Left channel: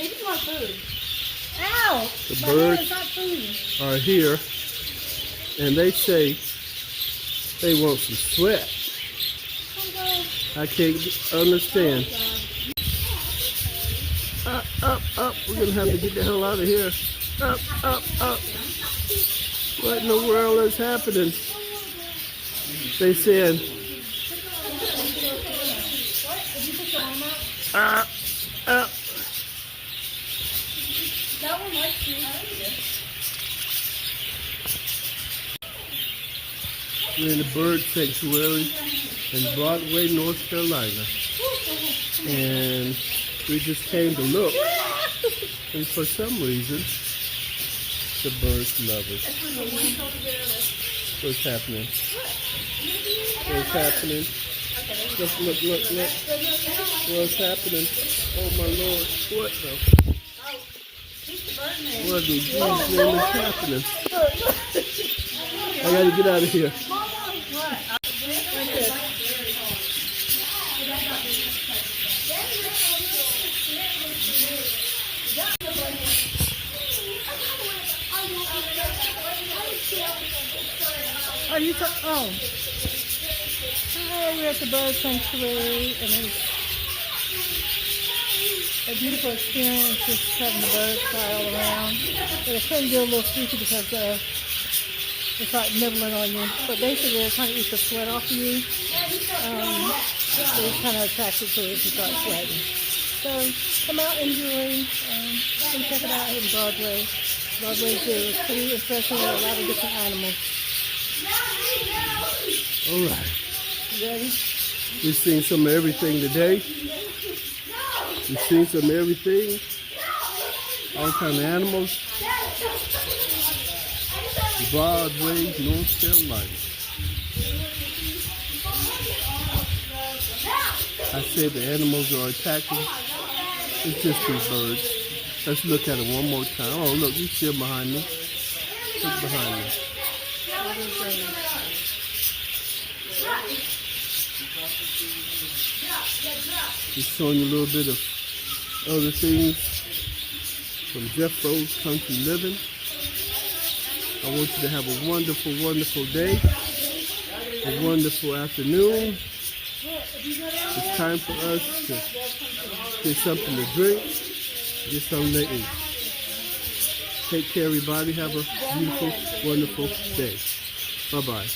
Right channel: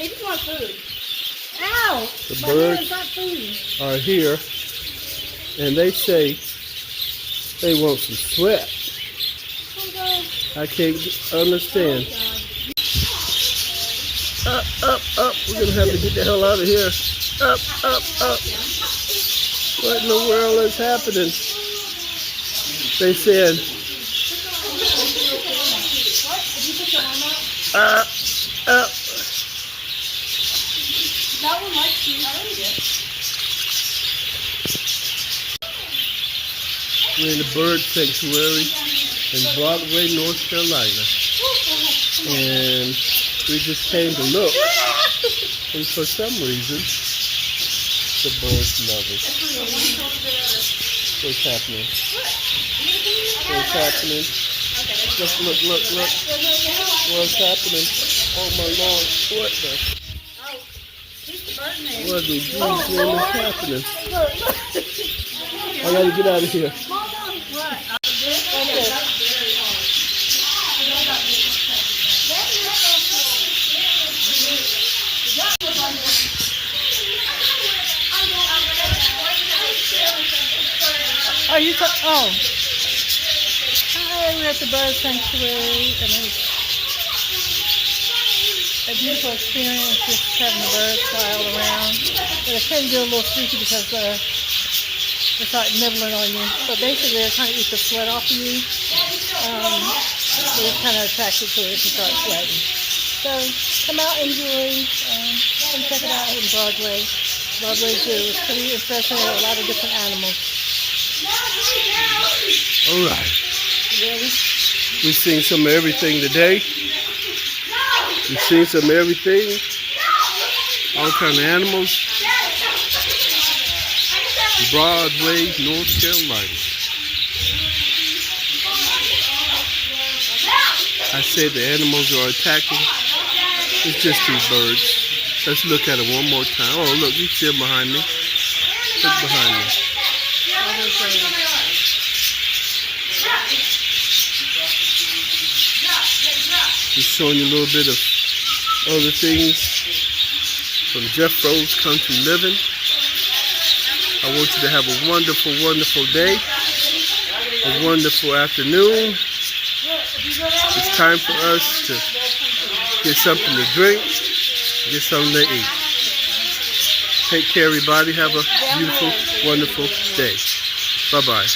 Eat my food. Ow! The My birds hand is not food. are here, and they say they want some sweat. I can't understand. Up. We're gonna have to get the hell out of here. Up. What in the world is happening? They said, up. That one likes you. We're in the bird sanctuary in Broadway, North Carolina. And we just came to look. And for some reason, the birds love us. What's happening? What's happening? Look. What's happening? Oh my Lord. What the God's name is happening? I gotta get out of here. Are you oh. Hi, we're at the bird sanctuary, and it's a beautiful experience just having the birds fly all around. But it can get a little freaky because it's like nibbling on you. But basically, they're trying to eat the sweat off of you. So it's kind of attracted to it if you start sweating. So come out, enjoy, and check it out in Broadway. Broadway Zoo. It's pretty impressive. There are a lot of different animals. All right. You ready? We've seen some of everything today. We've seen some of everything. All kinds of animals. Broadway, North Carolina. I said the animals are attacking. It's just these birds. Let's look at it one more time. Oh, look, he's still behind me. Look behind me. Just showing you a little bit of other things from Jeff Rose Country Living. I want you to have a wonderful, wonderful day, a wonderful afternoon. It's time for us to get something to drink, get something to eat. Take care, everybody. Have a beautiful, wonderful day. Bye-bye.